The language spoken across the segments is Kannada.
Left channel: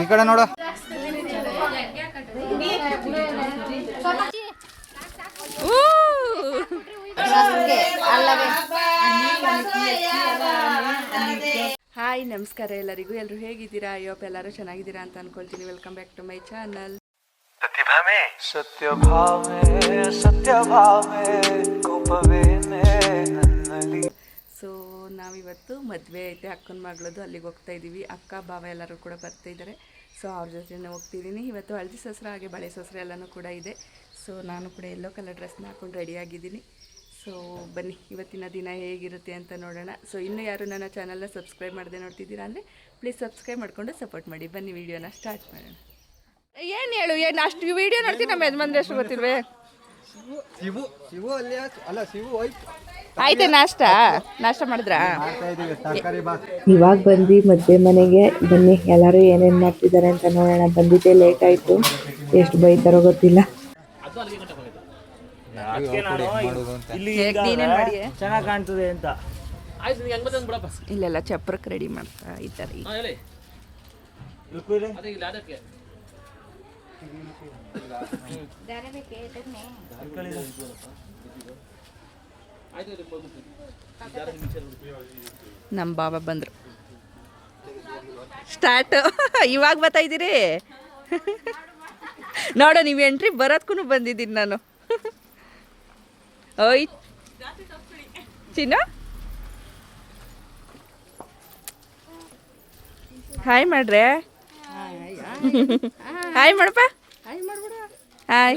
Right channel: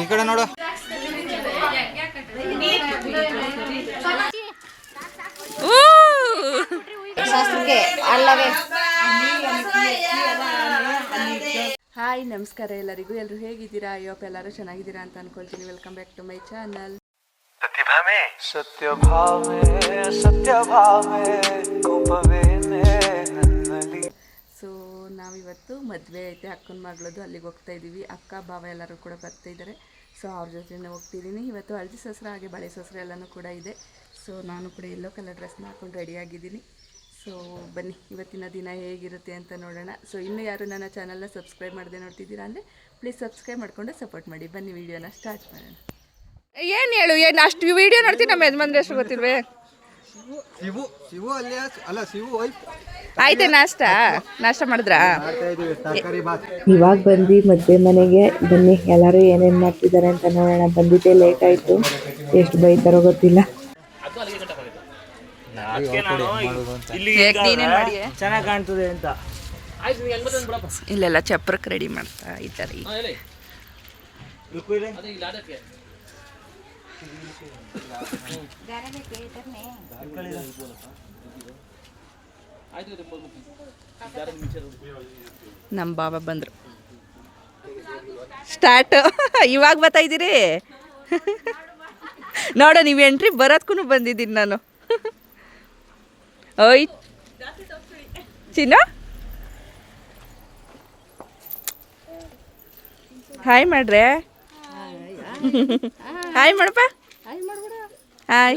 ಈ ಕಡೆ ನೋಡು. ಹಾಯ್ ನಮಸ್ಕಾರ ಎಲ್ಲರಿಗೂ. ಎಲ್ಲರೂ ಹೇಗಿದ್ದೀರಾ? ಅಯ್ಯೋಪ್ಪ ಎಲ್ಲರೂ ಚೆನ್ನಾಗಿದ್ದೀರಾ ಅಂತ ಅನ್ಕೊಳ್ತೀನಿ. Welcome back to my channel Satya Bhave Satya Bhave ಕೋಪವೇನೆ ನನ್ನಲ್ಲಿ. ಸೊ ನಾವಿವತ್ತು ಮದುವೆ ಐತೆ, ಅಕ್ಕನ ಮಗಳದು ಅಲ್ಲಿಗೆ ಹೋಗ್ತಾ ಇದ್ದೀವಿ. ಅಕ್ಕ, ಭಾವ ಎಲ್ಲರೂ ಕೂಡ ಬರ್ತಾ ಇದ್ದಾರೆ. ಸೊ ಅವ್ರ ಜೊತೆನೇ ಹೋಗ್ತಿದ್ದೀನಿ ಇವತ್ತು ಹಳದಿ ಸಸ್ರ, ಹಾಗೆ ಬಳೆ ಸಸ್ರ ಎಲ್ಲನೂ ಕೂಡ ಇದೆ. ಸೊ ನಾನು ಕೂಡ ಎಲ್ಲೋ ಕಲರ್ ಡ್ರೆಸ್ನ ಹಾಕೊಂಡು ರೆಡಿಯಾಗಿದ್ದೀನಿ ಸೊ ಬನ್ನಿ, ಇವತ್ತಿನ ದಿನ ಹೇಗಿರುತ್ತೆ ಅಂತ ನೋಡೋಣ. ಸೊ ಇನ್ನೂ ಯಾರು ನನ್ನ ಚಾನಲ್ನ ಸಬ್ಸ್ಕ್ರೈಬ್ ಮಾಡದೆ ನೋಡ್ತಿದ್ದೀರಾ ಅಂದರೆ ಪ್ಲೀಸ್ ಸಬ್ಸ್ಕ್ರೈಬ್ ಮಾಡಿಕೊಂಡು ಸಪೋರ್ಟ್ ಮಾಡಿ. ಬನ್ನಿ ವಿಡಿಯೋನ ಸ್ಟಾರ್ಟ್ ಮಾಡೋಣ. ಏನು ಹೇಳು? ಏನು ಅಷ್ಟು ವಿಡಿಯೋ ನೋಡ್ತೀನಿ ನಮ್ಮ ಯಜಮಾನ್ರ ಎಷ್ಟು ಗೊತ್ತಿಲ್ವೇ? ಶಿವು ಶಿವು ಅಲ್ಲಿ ಅಲ್ಲ ಶಿವು ಹೋಯ್ತು. ಆಯ್ತಾ ನಾಷ್ಟ? ನಾಷ್ಟ ಮಾಡಿದ್ರಾ? ಇವಾಗ ಬಂದು ಮದುವೆ ಮನೆಗೆ ಬನ್ನಿ. ಎಲ್ಲರೂ ಏನೇನು ಮಾಡ್ತಿದ್ದಾರೆ ಅಂತ ನೋಡೋಣ. ಬಂದಿದ್ದೆ ಲೇಟ್ ಆಯ್ತು. ಎಷ್ಟು ಬೈತಾರೋ ಗೊತ್ತಿಲ್ಲ. ಮಾಡೋದು ಅಂತ ನೀನೇನು ಚೆನ್ನಾಗಿ ಕಾಣ್ತದೆ ಅಂತ. ಇಲ್ಲೆಲ್ಲ ಚಪ್ರಕ್ಕೆ ರೆಡಿ ಮಾಡ್ತಾ ಇದ್ದಾರೆ. ನಮ್ಮ ಬಾಬಾ ಬಂದರು. ಸ್ಟಾರ್ಟ್ ಇವಾಗ ಬರ್ತಾ ಇದ್ದೀರಿ? ನೋಡೋ, ನೀವು ಎಂಟ್ರಿ ಬರೋದ್ಕೂ ಬಂದಿದ್ದೀನಿ ನಾನು. ಓಯ್. ಚಿನ್ನ? ಹಾಯ್ ಮಾಡ್ರೆ ಹಾಯ್ ಮಾಡಪ್ಪ ಹಾಯ್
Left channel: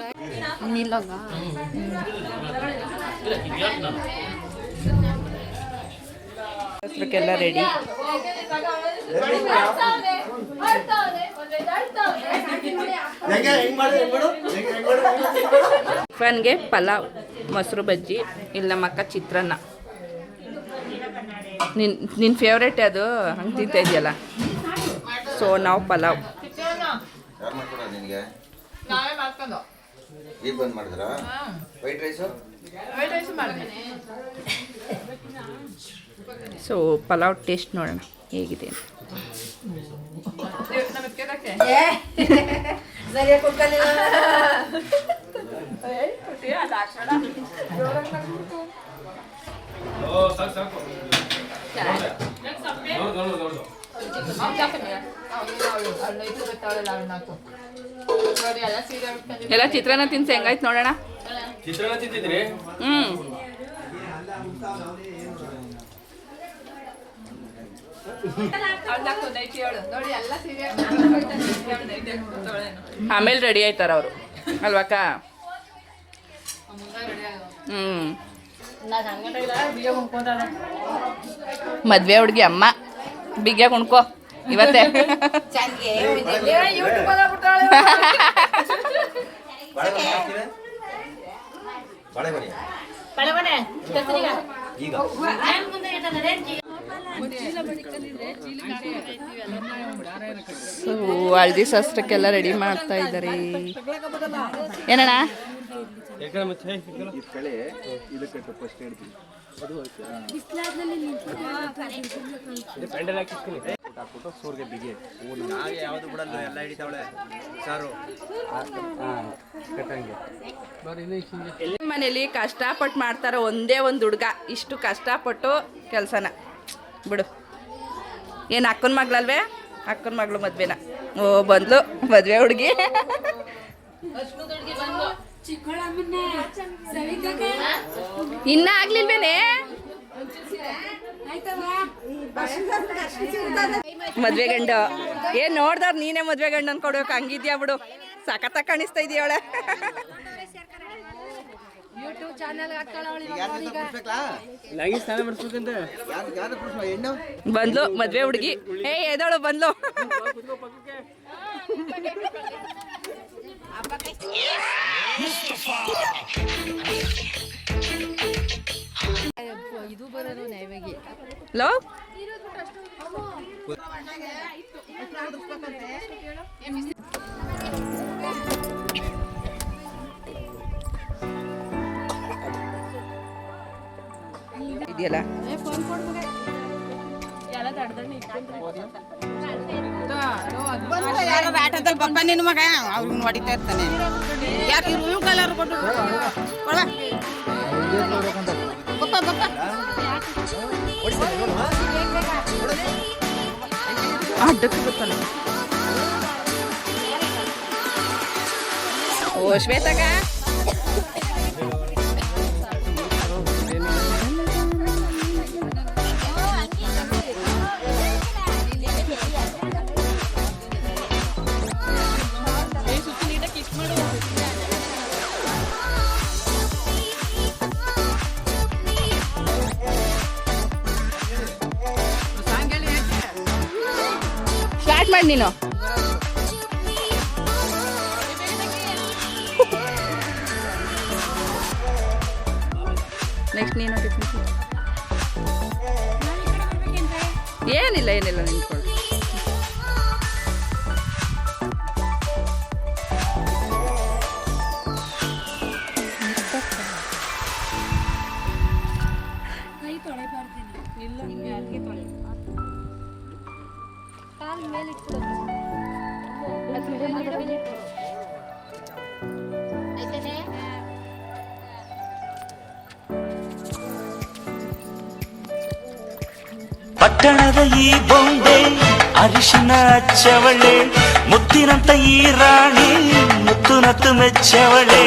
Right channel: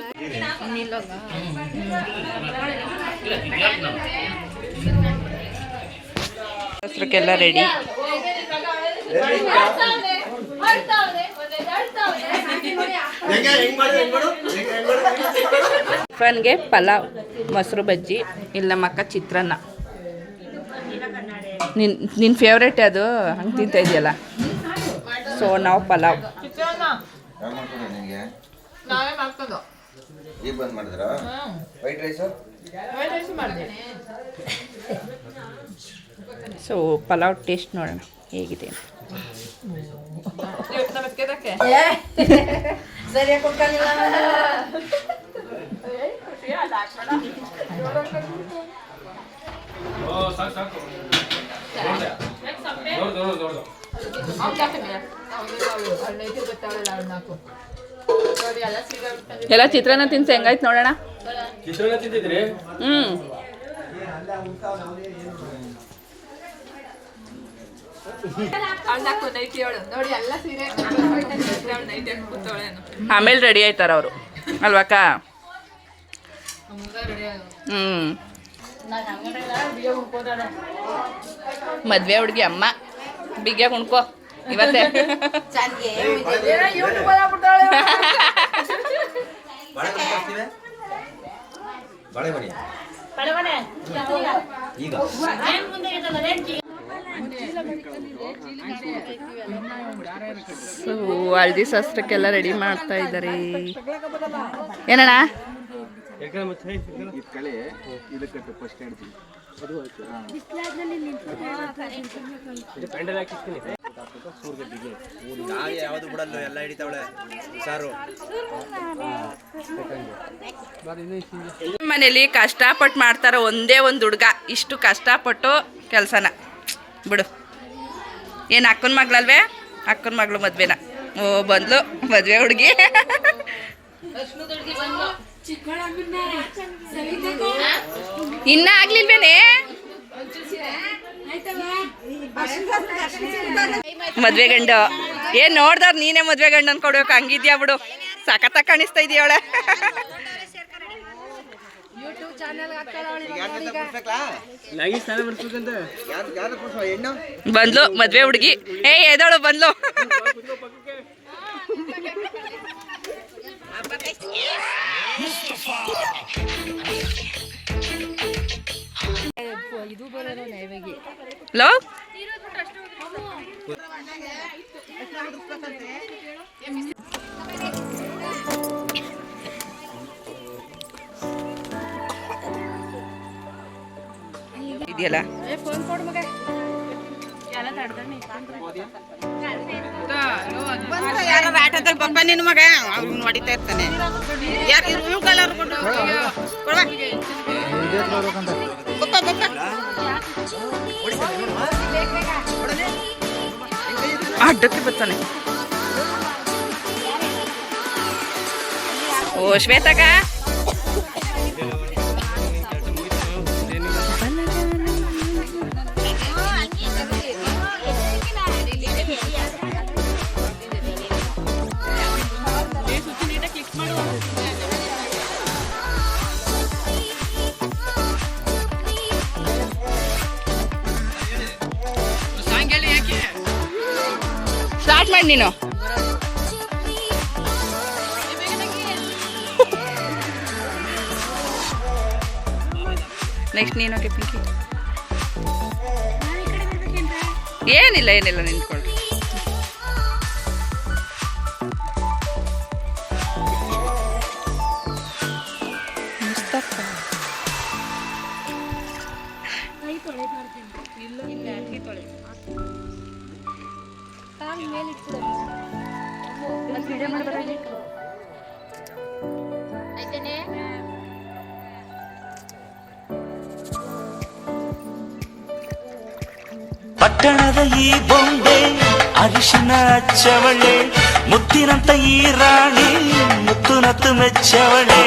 ಹಸ್ರಕ್ಕೆಲ್ಲ ರೆಡಿ ಫನ್ಗೆ ಪಲಾವ್ ಮೊಸರು ಬಜ್ಜಿ ಇಲ್ಲ ಮಕ್ಕ ಅಕ್ಕ ಚಿತ್ರಾನ್ನ. ನಿನ್ ನಿನ್ನ ಫೇವ್ರೇಟ್ ಅದು ಹಂಗೆ ತಿಂತ ಇದೆಯಲ್ಲ? ಸೊ ನಾವು ಪಲಾವ್. ಯಾರು ನಾವೇ ಮಾಡ್ಕೊಂಡು. ನೀವು ಬಂದ್ ಮಾಡಿದ್ರ? White rice so pulao taste ನೋಡೋಣ ಹೇಗಿದೆ ಅಂತ. ಎಲ್ಲ ಚಿತ್ರಾನ್ನ ತಿನ್ಸಿ ಹೆಂಗಾಯ್ತು ನೋಡೋಣ? ಚಿತ್ರಾನ್ನ ತಿಂತಿದ್ರಿ? ಹ್ಞೂ ಆಮೇಲೆ ರೆಡಿ ಆಯ್ತಾರ ಅವರು. ಅಲ್ವಾಕ ಹ್ಞೂ ಮದ್ವೆ ಹುಡುಗಿ ಅಮ್ಮ. ಬಿಗ್ಯಾಗ ಉಣ್ಕೋ. ಇವತ್ತೇ. ಬಾಳೆ ಬನ್ನಿ ಈಗ. ಸೊ ಹಳದಿ ಶಾಸ್ತ್ರಕ್ಕೆಲ್ಲ ರೆಡಿ ಮಾಡ್ತಾ ಇದ್ದಾರೆ. ಏನಣ್ಣ? ಯಾವ್ದು ಬಿಡಲ್ಲ ಎಲ್ಲ ಹಿಡಿತಾವಳೆ. ಸಾರು ಮನೇಲಿ ಕಷ್ಟಪಟ್ಟು ಮಾಡ್ತಾರ ಒಂದೇ ಒಂದು ಹುಡುಗ ಇಷ್ಟು ಕಷ್ಟಪಟ್ಟು ಕೆಲಸನ. ಬಿಡು. ಏನು ಅಕ್ಕನ ಮಗಳಲ್ವೇ? ಅಕ್ಕನ ಮಗಳು ಮದ್ವೆನ. ಓ ಬಂದ್ಲು. ಮದ್ವೆ ಹುಡುಗಿ. ಇನ್ನ ಆಗ್ಲಿಲ್ವೇನೆ? ಮದ್ವೆ ಗಂಡು. ಏನ್ ನೋಡ್ದಾರ ನೀನೇ ಮದ್ವೆ ಗಂಡು ಅನ್ಕೊಡ್ಬೇಕು ಹಂಗಿದ್ಯಾ ಬಿಡು. ಸಖತ್ತ ಕಾಣಿಸ್ತಾ ಇದೆಯವಳ ಬಂದ್ಲು ಮದ್ವೆ ಹುಡುಗಿ. ಏ ಎದೋಳು ಬಂದ್ಲು. ಲೋ ಇದೆಯಲ್ಲ? ನಿನ್ನ ಮಗ ಅವ್ನು ಹೊಡಿತಾ ಇರ್ತಾನೆ ಯಾಕೆ ಬ್ಲೂ ಕಲರ್ ಕೊಟ್ಟು. ಅಡ್ಡಕ್ಕೆ ಬರ್ತಾನೆ. ಓ ಶ್ವೇತಕ ನೀನು? ನೆಕ್ಸ್ಟ್ ನೀನು ಏನಿಲ್ಲ ಏನಿಲ್ಲ ನಿಂತ್ಕೊಳ್ಳಿ. ಪಟ್ಟಣದ ಈ ಬೊಂಬೆ ಅರಿಶಿನ ಹಚ್ಚವಳೆ ಮುತ್ತಿನಂತ ಈ ರಾಣಿ ಮುತ್ತು ನತ್ತು ಮೆಚ್ಚವಳೆ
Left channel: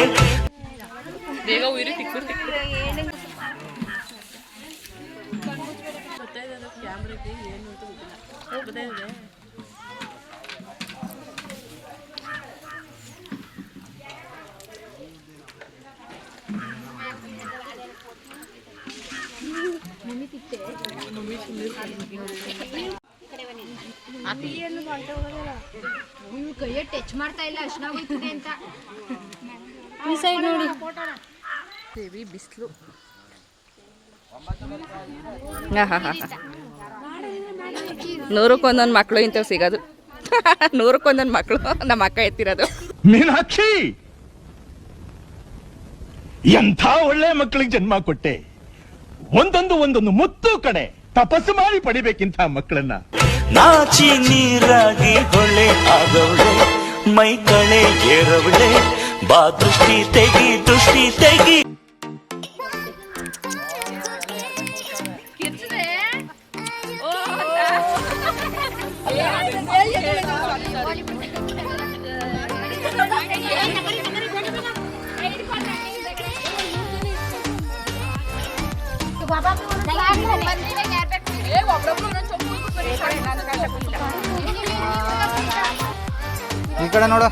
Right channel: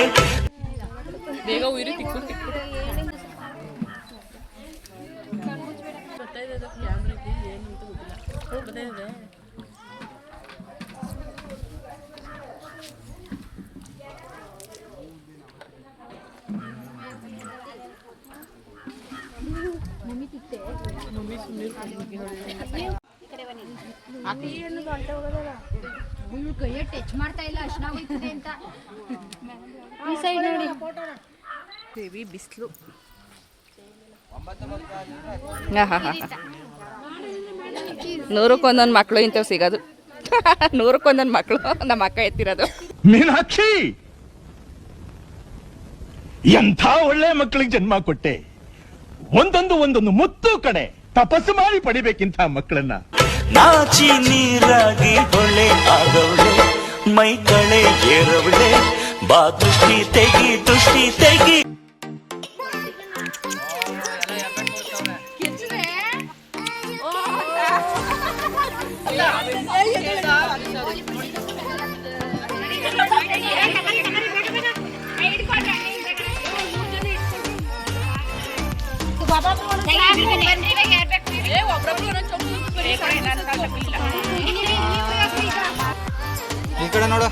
ಟಚ್ ಮಾಡ್ತಾ ಇಲ್ಲ ಅರ್ಶನ ಹೋಗ್ತದೆ ಅಂತ ನೋಡಿ ಬಿಸಿಲು ಹಾಂ ಹಾಂ ಹಾಂ ನೂರಕ್ಕೊಂದೊಂದು ಮಕ್ಕಳು ಇಂಥವು ಸಿಗೋದು. ನೂರಕ್ಕೊಂದೊಂದು ಮಕ್ಕಳು ನಮ್ಮ ಅಕ್ಕ ಎತ್ತಿರೋದು. ಮೀನಾಕ್ಷಿ! ಎಂಥ ಒಳ್ಳೆ ಮಕ್ಕಳಿಗೆ ಜನ್ಮ ಕೊಟ್ಟೆ. ಒಂದೊಂದು ಒಂದೊಂದು ಮುತ್ತು ಕಡೆ ತಪಸ್ಸು ಮಾಡಿ ಪಡಿಬೇಕಿಂತ ಮಕ್ಕಳನ್ನ. ನಾಚಿ ನೀರಾಗಿ ಹೊಳೆ ಆದವಳೆ, ಮೈ ಕಳೆ ಏರವಳೆ, ಬಾ ದೃಷ್ಟಿ ತೆಗಿ ದೃಷ್ಟಿ ತೆಗಿ. ಕಡೆ ನೋಡ.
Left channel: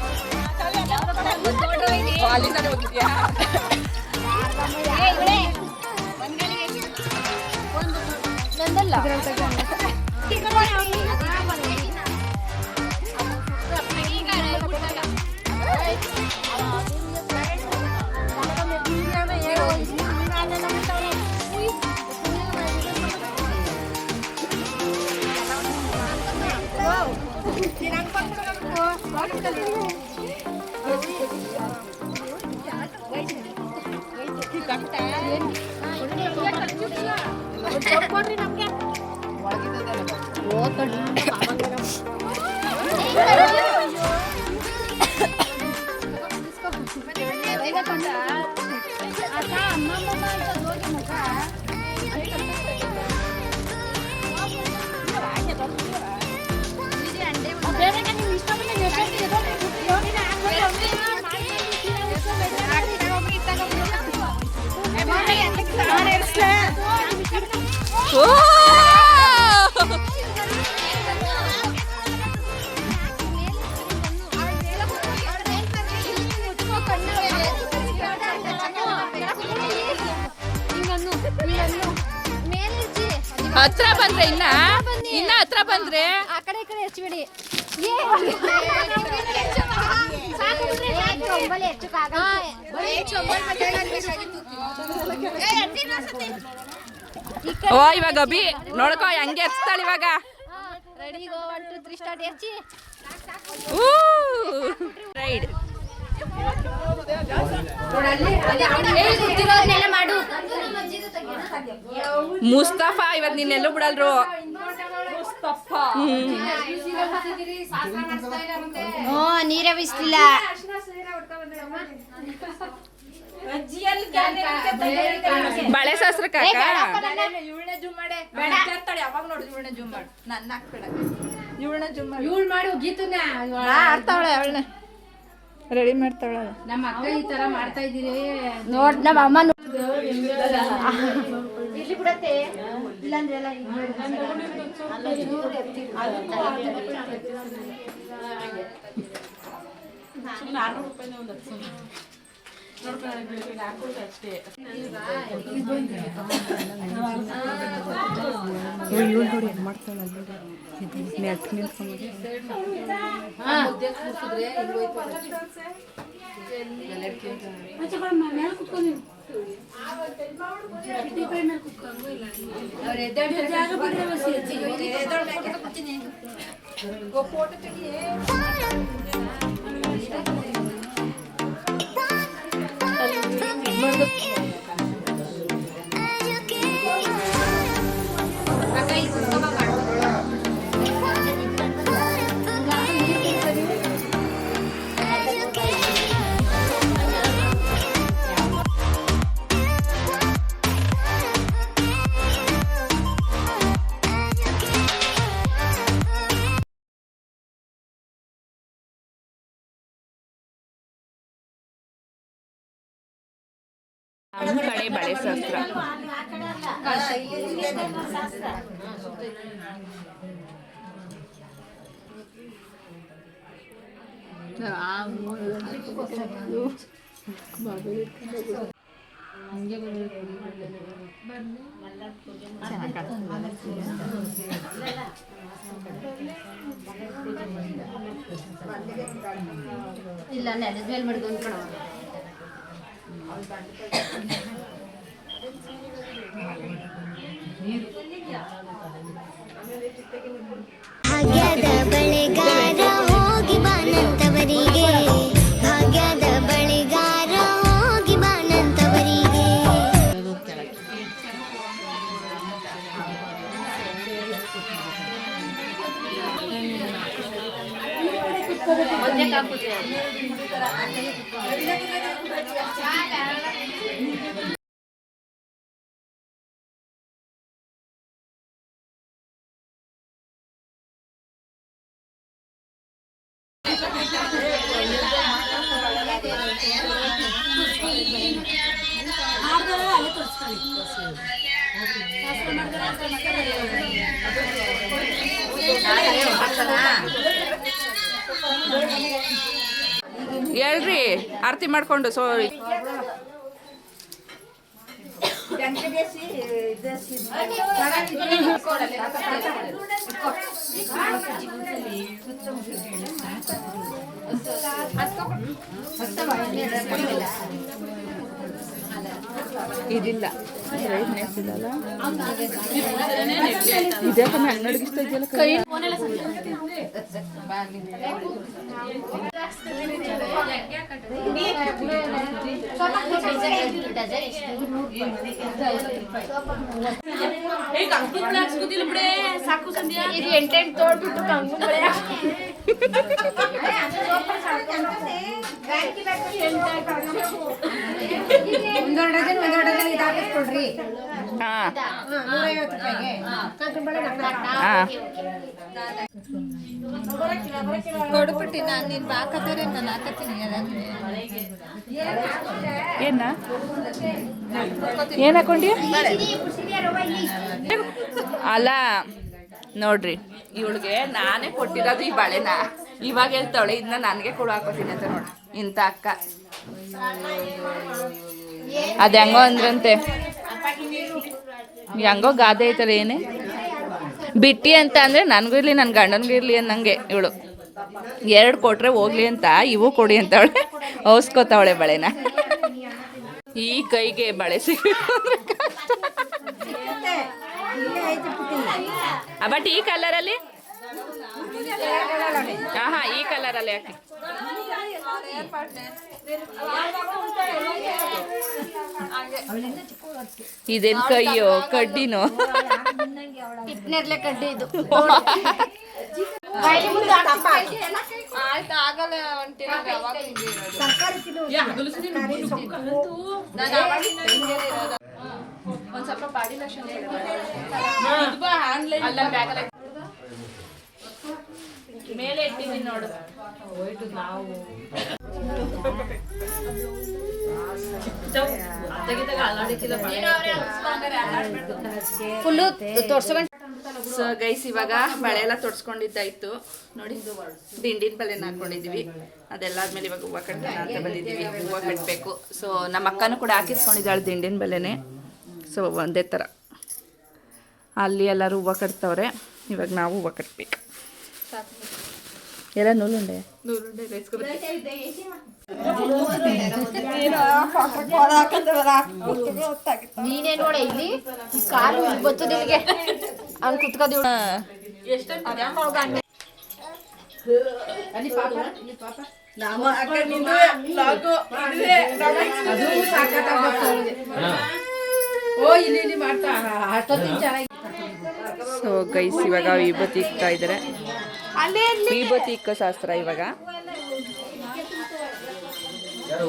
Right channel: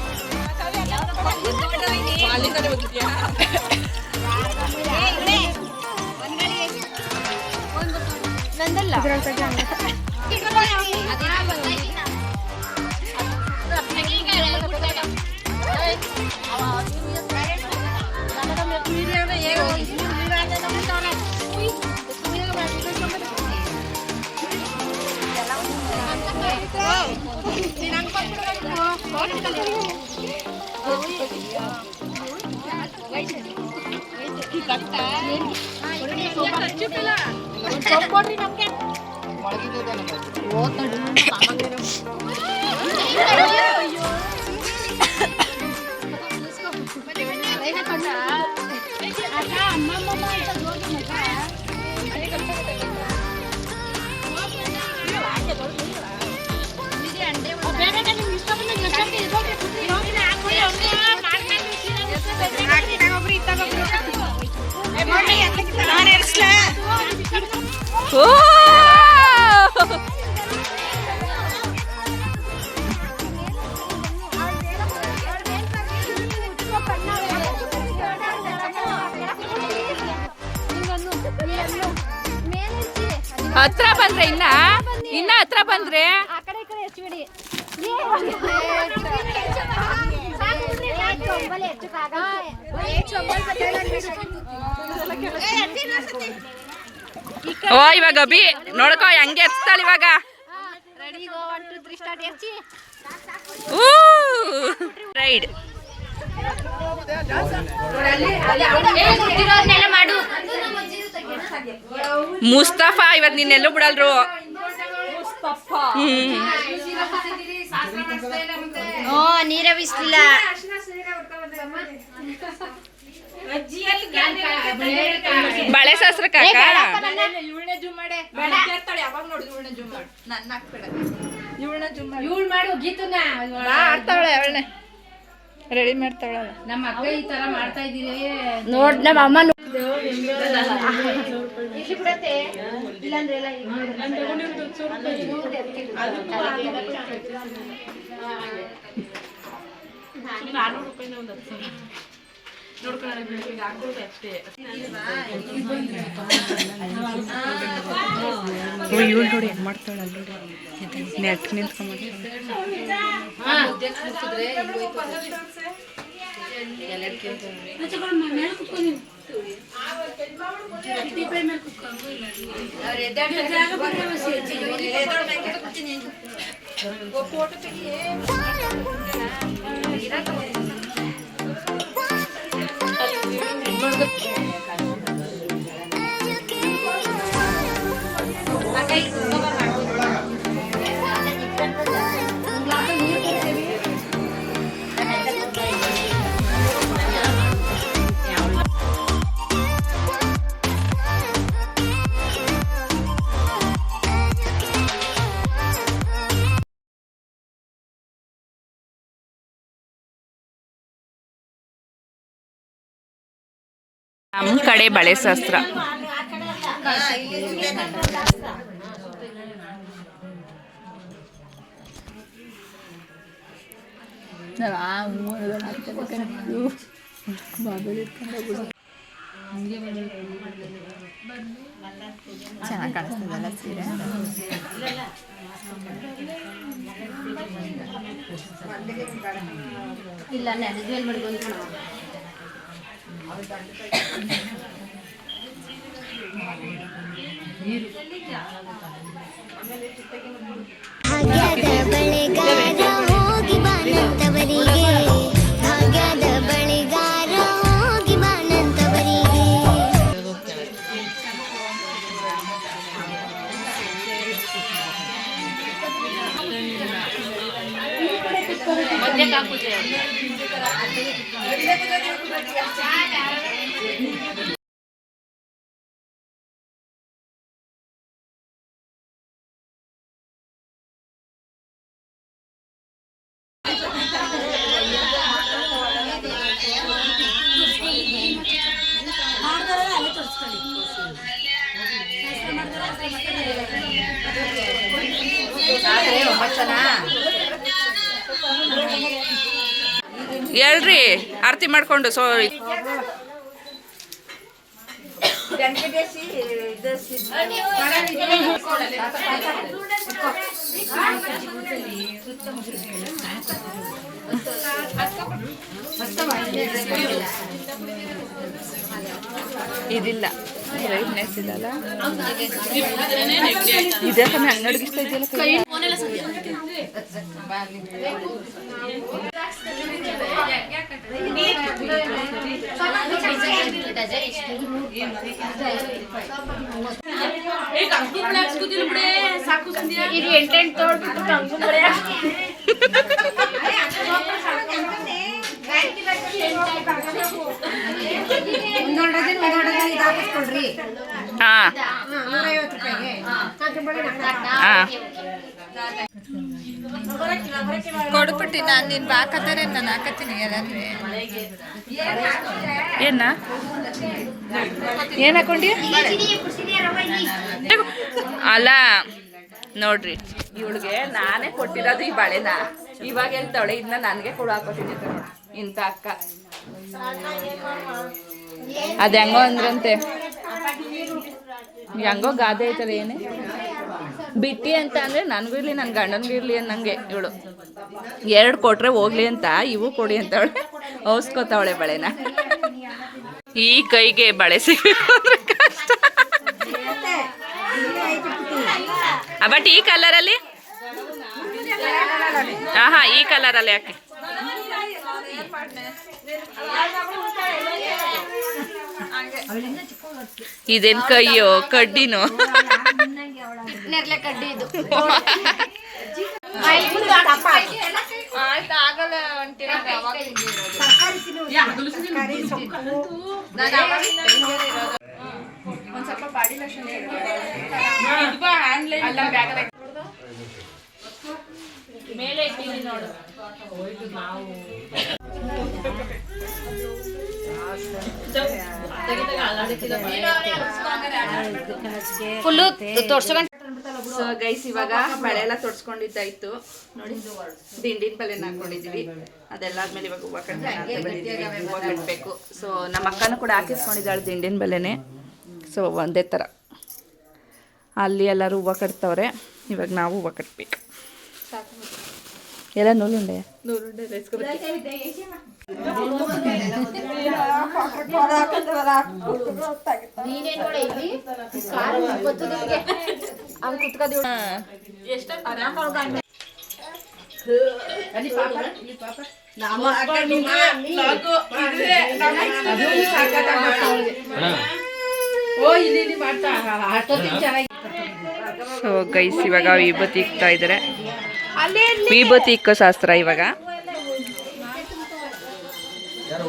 ಓ ಹತ್ರ ಬಂದ್ರೆ ಇನ್ನ ಇನ್ನ ಹತ್ರ ಬಂದ್ರೆ ಓ ಇವಾಗ ಅಭಿ ನೋಡ್ಕೋ ಹೆಂಗೆ ಎತ್ತಾಳ ಇವಾಗ ರೆಡಿ ಇವತ್ ಮುಸ್ತಫಾ ಇವತ್ತು ನಿನ್ನೆಲ್ಲೂ ಬಿಡಲ್ರು. ನೀರವಿಸ್ಲಿಲ್ಲ. ಬಳೆ ಶಾಸ್ತ್ರ ಕಾಕ? ಇವಳು ಮಾಡು ಗೀತನ್ನ. ರೆಡಿ ಮಾಡ್ತಾಳ ನಮ್ಮ ಅಕ್ಕ ಈ ತರ ಮಾಡ್ತಾ ಇದೀರಿ ನೋಡ್ ನಮ್ಮ ಅಮ್ಮ ಇಲ್ಲಿ ಬಿಡತ್ತೆ. ಇಲ್ಲಾಂದ್ರೆ ಎಲ್ಲ ಇವಳು ನೋಡಿ ಹೆಂಗ್ ಮಾಡ್ತಾಳ ನೋಡಿ. ನೆಟ್ ನಿಂತ್ಕೊಂಡ್ ನಮ್ಮ ಕಡೆ ಬಳೆ ಶಾಸ್ತ್ರ. ಇಲ್ಲ ನೆಲದಲ್ಲಿ ಮಡ್ಕೊಂಡು ಕಣ ಭಾಗ್ಯದ ಬಳೆಗಾರ ಹೋಗಿ ಬಾನಂತವರಿಗೆ. ಭಾಗ್ಯದ ಬಳೆಗಾರ ಹೋಗಿ ಬಾನಂತವರಿಗೆ. ಹೇಳ್ರಿ ಆರತಿ ಮಾಡ್ಕೊಂಡು ಸೊ ಇದಿಲ್ಲ. ಬ್ರೈಟ್ನೆಸ್ ಇದಲ್ಲ. ಇದೇ ತಾನೆ ಅಂಗಡಿಗೆ ಇಷ್ಟ ಇದೆಯಲ್ಲ ಕೈ? ಇದು ಎಂಟೆಂಟು ತೋಡ್ಬಿಟ್ಟು ಕಂಗುಂಬಳೆ ಒಂದೊಂದು ಡಜನ್ ಒಂದೊಂದು ಡಜನ್ ಇದು ಹಾಕಿಸ್ಕೊಡ್ರಿ. ಹಾ. ನೂರೈವತ್ತು ರೂಪಾಯಿಗೆ. ಕಂಗುಂಬಳೆ ಹಾ. ಕೊಡ್ಬಿಟ್ಟು ನಾನು ನಿನ್ ಬಾಕತ್ತಾರೆ ನಾನು ಹಾಕತ್ತೀನಿ ಏನ? ಏನ್ ಹಾಕೊಂಡಿ ಅಲ್ಲ ನೋಡ್ರಿ ಇವಳಿಗೆ ನಾನೇ ಕೊಟ್ಟಿರೋದು ಈ ಬಳೆನ. ಇವಾಗ ಹೇಳ್ತಾವಳೆ ಇದನ್ನ ನನಗೆ ಕೊಡು ಹಾಕೋತೀನಿ ಅಂತ ನೋಡಿ. ಇಂಥ ಅಕ್ಕ ಅದು ಹೆಂಗೋ ಅಂದ್ರಂತೆ. ಹೆಂಗೋ ಗಾದೆ ಐತಲ್ಲ ಏನೇ? ಬಿಟ್ಟಿ ಅಂತ ಅಂದ್ರೆ ನನಗೂ ಇರ್ಲಿ ನನ್ನ ಗಂಡನಿಗೂ ಇರ್ಲಿ ಅನ್ನಂಗೆ ಇವಳು. ಎರಡು ಕೊಟ್ರೆ ಹೋಗ್ಲಿ ಅಂತ, ಇವು ಕೊಡಿ ಅಂತವಳೆ. ಔಸ್ಕೋತಾವಳೆ ಬಳೆನ. ಈ ಕೈಗೆ ಬಳೆ ಸಿಗಬೇಕು ಕಷ್ಟ. ಬಟ್ ಈ ಕಲರಲ್ಲಿ ಹಾ ಹಾ ಈ ಕಲರಲ್ಲಿ ಯಾಕೆ ಇದೇನ್ ಕೈಯೋ? ಕಡ್ಡಿನೋ? ಕಡ್ಡಿ ಇದು. ಒಂದ್ ಸ್ವಲ್ಪ ಬಾಡಿ ಲಕ್ಷಣ ಅಲ್ಲ ಬ್ಯಾಗಲ್ಲ ಮೇಲೆ ಇಟ್ಟಿದ್ದೀನಿ ನೋಡು. ಫುಲ್ಲು ತೋರ್ಸ್ಕೊಂಡ್ ಸೊ ಗೈಸ್ ಇವಾಗ ಬಳೆ ಎಲ್ಲ ತೊಡ್ಸ್ಕೊಂಡಿದ್ದಾಯ್ತು. ನೋಡಿ ದಿಂಡಿನ ಬಳೆನ ಹಾಕೊಂಡಿದೀವಿ. ಅದೆಲ್ಲಾದ್ಮೇಲೆ ಇವಾಗ ಹೂವು ಕಟ್ಟೋಣ ಅಂತ ಬಂದಿದ್ದೀವಿ ಹೂವು ಕಟ್ಟಬೇಕು ಸೊ ನಮ್ಮ ಅಕ್ಕನೂ ಕೂಡ ಹಾಕಿಸ್ಕೊಂಡಿದ್ದಾಳೆ ದಿಂಡಿನ ಬಳೆನೆ. ಸೊ ಒಂದೇ ಥರ. ಅಲ್ಲಿ ಎಲ್ಲರೂ ಹೂವು ಕಟ್ತವ್ರೆ. ಇವಾಗ ನಾವು ಹೂವು ಕಟ್ಬೇಕು. ಎಲ್ಲ ನೂಲುಂಡೆ ನೂಲುಂಡೆ ನೀನೇ ನೋಡ ಇಲ್ಲಿ. ಕಾರು ಗೊತ್ತು ನಿಮಗೆ ಅವ್ನು ಕುತ್ಕೋದಿ ಸೊ ಗೈಸ್ ಇವಾಗ ವಿಭೂತಿ ಇಕ್ತಾ ಇದ್ದಾರೆ ವಿಭೂತಿ ಇಕ್ಕೋ ಶಾಸ್ತ್ರ ಇವಾಗ. ಯಾರು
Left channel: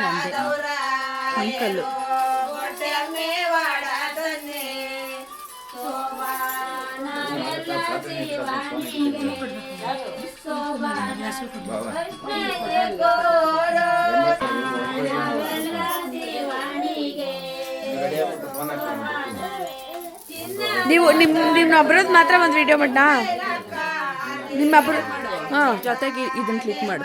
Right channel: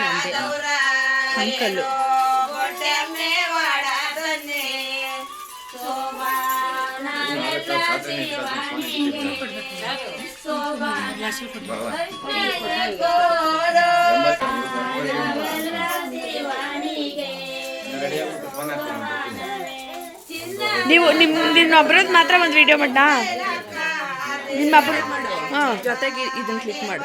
ಎಲ್ಲ ಕಳಿಸ್ಬೇಕಲ್ಲ ಇವ್ರನ್ನ. ಮತ್ತೆ ಒಂದು ಐದು ನಿಮಿಷ ಹೊಟ್ಟೆ. ಅಂಕಲ್ಲು ರೆಡಿ ಆಗ್ಬಿಟ್ಟು ಫೋನ್ ಹಾಕ್ತೀನಿ ಬರ್ತೀನಿ. ನೀವು ನಿಮ್ ನಿಮ್ಮೊಬ್ರದ್ದು ಮಾತ್ರ ಒಂದು ವಿಡಿಯೋ ಮಾಡಾ ನಿಮ್ಮೊಬ್ರು ಹಾಂ ಜೊತೆಗೆ ಇದನ್ನ ಕ್ಲಿಕ್ ಮಾಡು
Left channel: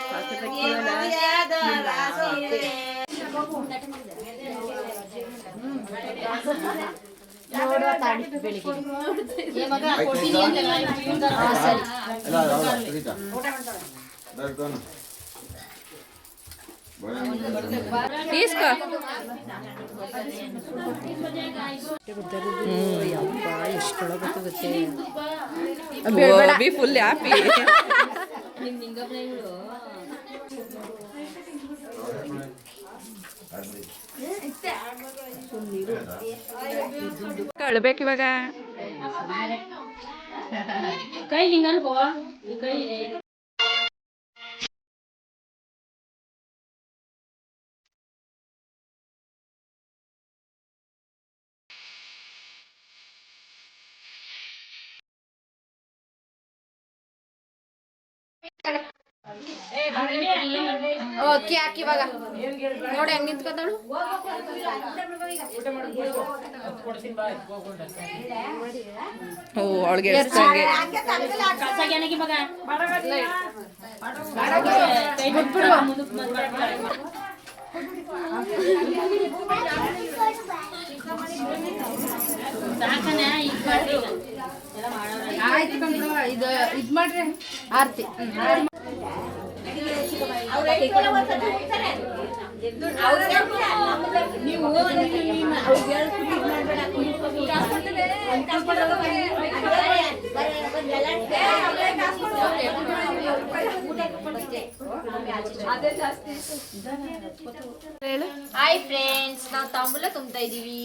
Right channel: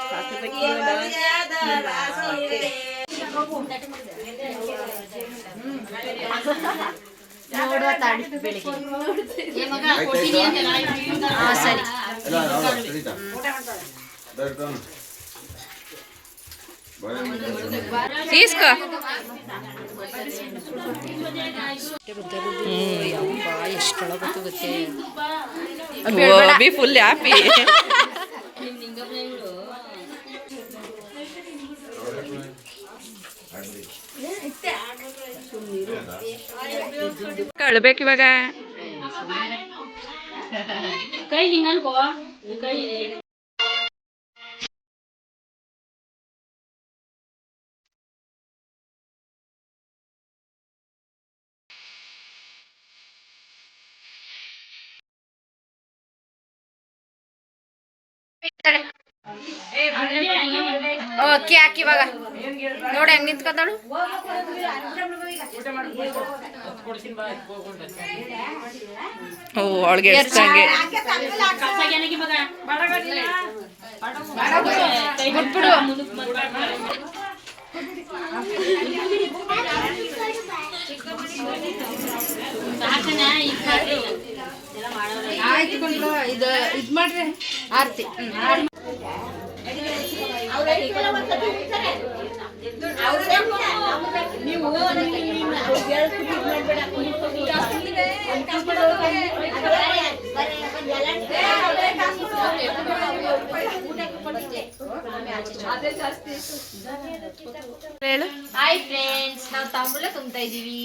ನೋಡುವ ತಾಡಿ ಬೆಳಿಗ್ಗೆ ಆಯ್ತಾಯ್ತಾ? ಹಾಂ ಸರಿ ಎಲ್ಲ ಹೌದಾ? ಸರಿತಾ? ಬರ್ರಿ ತಗೊಂಡು. ಬರ್ರಿ. ತೀಸ್ಕೋ ಬಿ ಫುಲ್ ಹ್ಯಾಪಿ ಕಳ್ಬೇಕು ಇವಾಗ ಓಕೆ ಹಾಕಿ ಇವಾಗ. ನೋಡಿ ಹೆಂಗ್ ನಿಂತ್ಕೊತಾಳು ಓ ಅವಳಿಗೆ ಎಷ್ಟಂಗೆ ಇದು ಇದು ಮಾಡ್ರಿ. ಆರ್ತಿ. ಹೇಳು. ಹಾಯ್ ಫ್ರೆಂಡ್ಸ್ ನಾವು ತಾಂಬೂಲ ತುಂಬ್ತಾ ಇದೀವಿ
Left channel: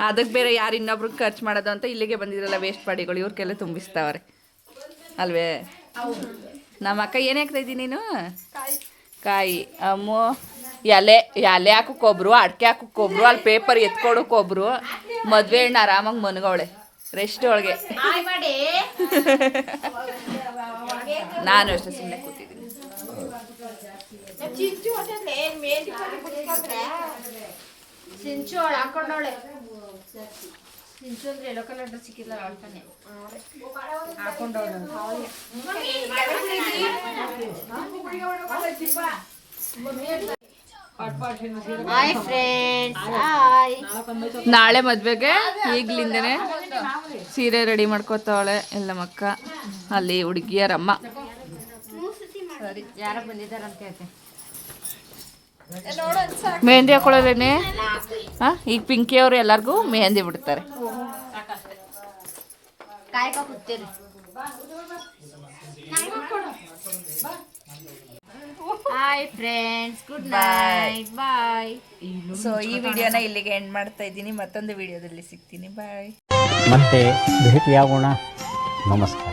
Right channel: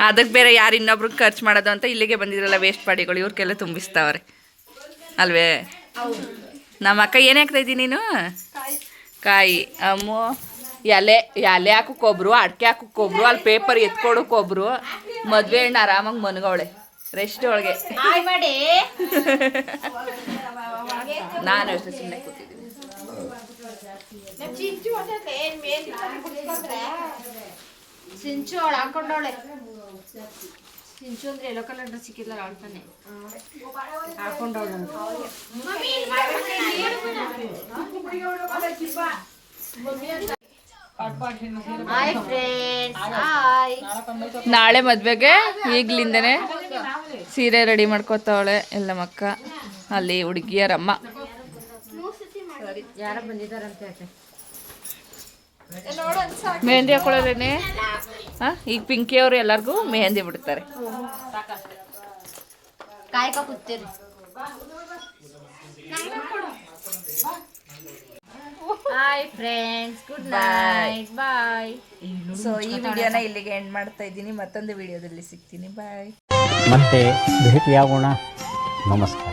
ಅದಕ್ಕೆ ಬೇರೆ ಯಾರು ಇನ್ನೊಬ್ರು ಖರ್ಚು ಮಾಡೋದು ಅಂತ ಇಲ್ಲಿಗೆ ಬಂದಿದ್ರಲ್ಲ ವೇಸ್ಟ್ ಪಾಡಿಗಳು ಇವ್ರಿಗೆಲ್ಲ ತುಂಬಿಸ್ತಾವ್ರೆ. ಅಲ್ವೇ? ನಮ್ಮ ಅಕ್ಕ ಏನು ಹಾಕ್ತಾ ಇದ್ದೀನಿ ನೀನು? ಕಾಯಿ. ಅಮ್ಮು ಎಲೆ ಎಲೆ ಹಾಕೋಕ್ಕೊಬ್ರು ಅಡಿಕೆ ಹಾಕೋಕ್ಕೊಬ್ರು ಅಲ್ಲಿ ಪೇಪರ್ ಎತ್ಕೊಡೋಕ್ಕೊಬ್ರು ಮದುವೆ ಹೆಣ್ಣು ಆರಾಮಾಗಿ ಮನ್ಗವಳೆ. ರೆಸ್ಟ್ ಒಳಗೆ. ನಾನು ಅಷ್ಟೇ ಸುಮ್ಮನೆ ಕೂತಿದ್ದೀನಿ. ಚಿಂಚು ಅವಳು ಅಂದ್ರೆ ಎಲ್ಲೋ ಕಲರ್ ಡ್ರೆಸ್ ನಾಳೆ ಮದ್ವೆಗೆ ಈಗ್ಲಿಂದನೇ ಸೀರೆ ರೆಡಿ ಮಾಡ್ಕೋತಾವಳೆ ಎಲ್ಲ ಮಕ್ಕ. ಅಲ್ಲಿ ಹುಡುಗಿಯರಮ್ಮ. ಸರಿ ಯಾರ ಬಂದಿದ್ದಾರಂತೆ ಅತ್ತೆ ಮೆಹಂದಿ ಹಾಕೊಳ್ಳೋದೇನೆ ಹಾಂ ಈಗ ಪಿಂಕಿ ಅವರು ಎಲ್ಲರಿಗೂ ಮೆಹಂದಿ ಬಿಡ್ತಾರೆ hi friends good night bye so ಈ ವಿಡಿಯೋನ ಇಲ್ಲಿಗೆ ಎಂಡ್ ಮಾಡ್ತಾ ಇದ್ದೀನಿ. ಮತ್ತೊಂದು ವಿಡಿಯೋದಲ್ಲಿ ಸಿಗ್ತೀನಿ. ಬಾಯ್ ಮತ್ತೆ ಭೇಟಿಯಾಗೋಣ ನಮಸ್ಕಾರ.